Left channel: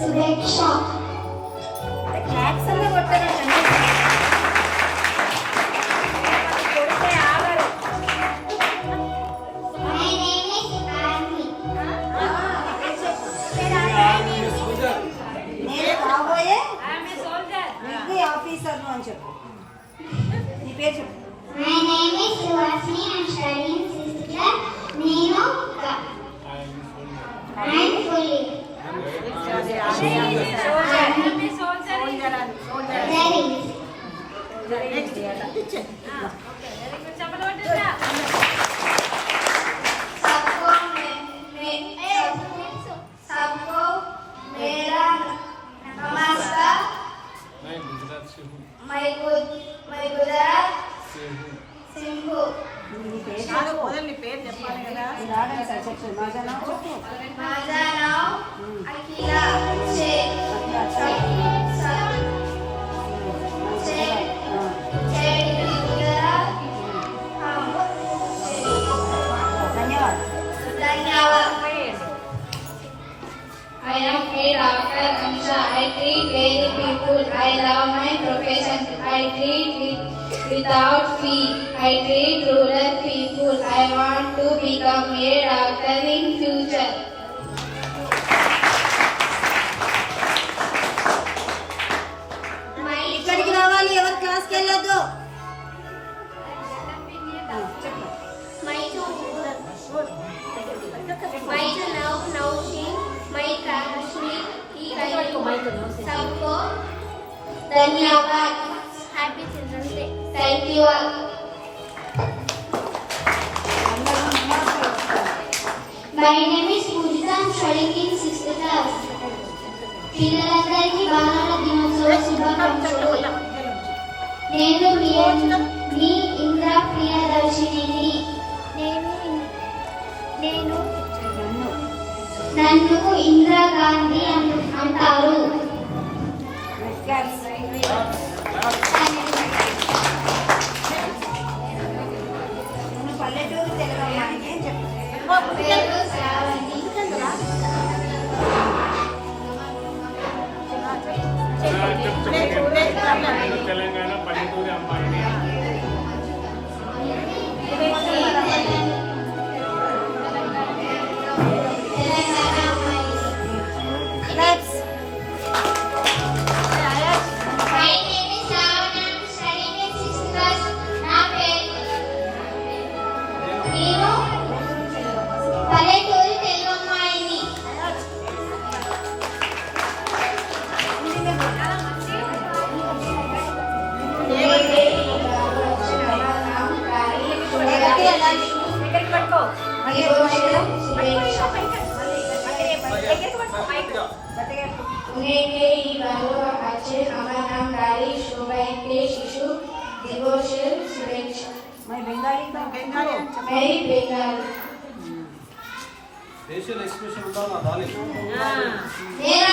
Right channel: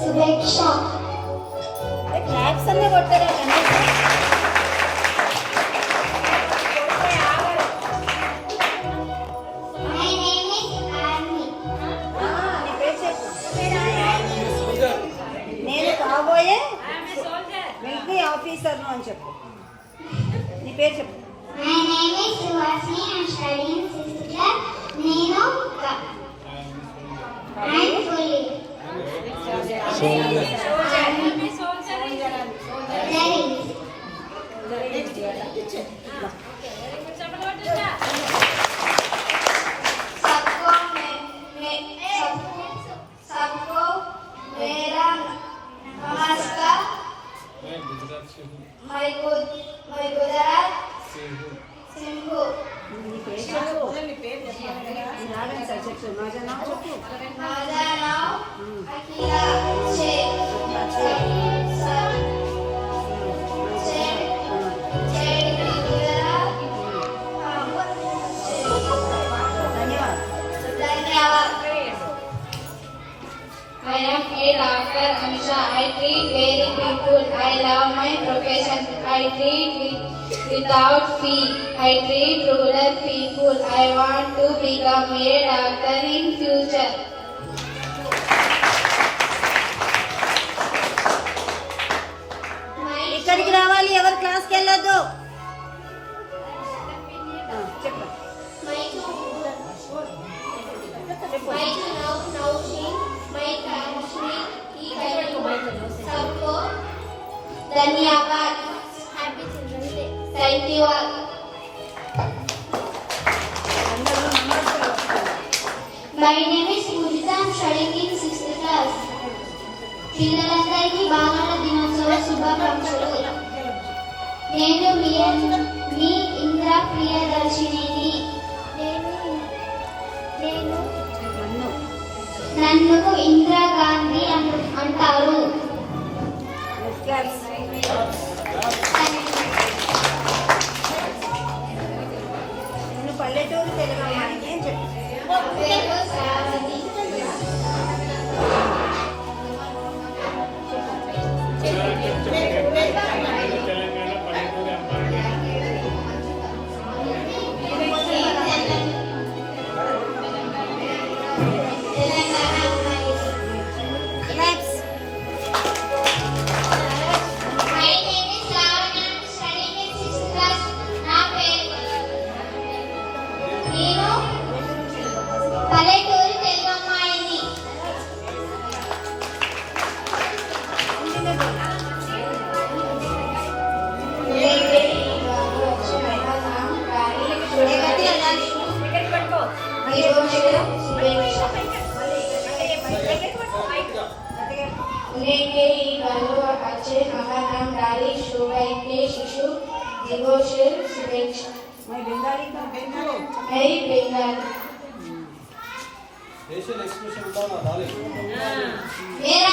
సురేక్ష. అదే క్లాప్స్ అన్న కొట్టరా కండి. నేను కాబోయే మిలిటరీ ఆఫీసర్ను అని చెప్పు. నీ పేరు చెప్పు. My name is Suvasi. I am studying 6th class. నేను రావడం సార్ చెప్పు. మాజా నావు చెప్పు. I am a doctor Ansha. I treat very people. I love my profession. I treat it without fee. I treat rural people. I want to become a doctor in future. ఇక్కడికి రావాలి. ఎవరు క్లాస్కి వెళ్ళొద్దు. చెప్పు. सबको धन्यवाद. Happy children's day. Thank you all. My name is Pujita. I am studying in 6th class. పిల్లలందరికీ బాలల దినోత్సవ శుభాకాంక్షలు. నేను మీ ఇంద్ర ప్రియదర్శినిని. నన్ను ఇందిరా గాంధీ అంటారు. నేను పల్లెటూరు తెలుగు అమ్మాయిని అని చెప్పు. తెలంగాణ పల్లెటూరు అమ్మాయిని. फेशियल एक्सप्रेशन ఉండాలి నా దాని मेरा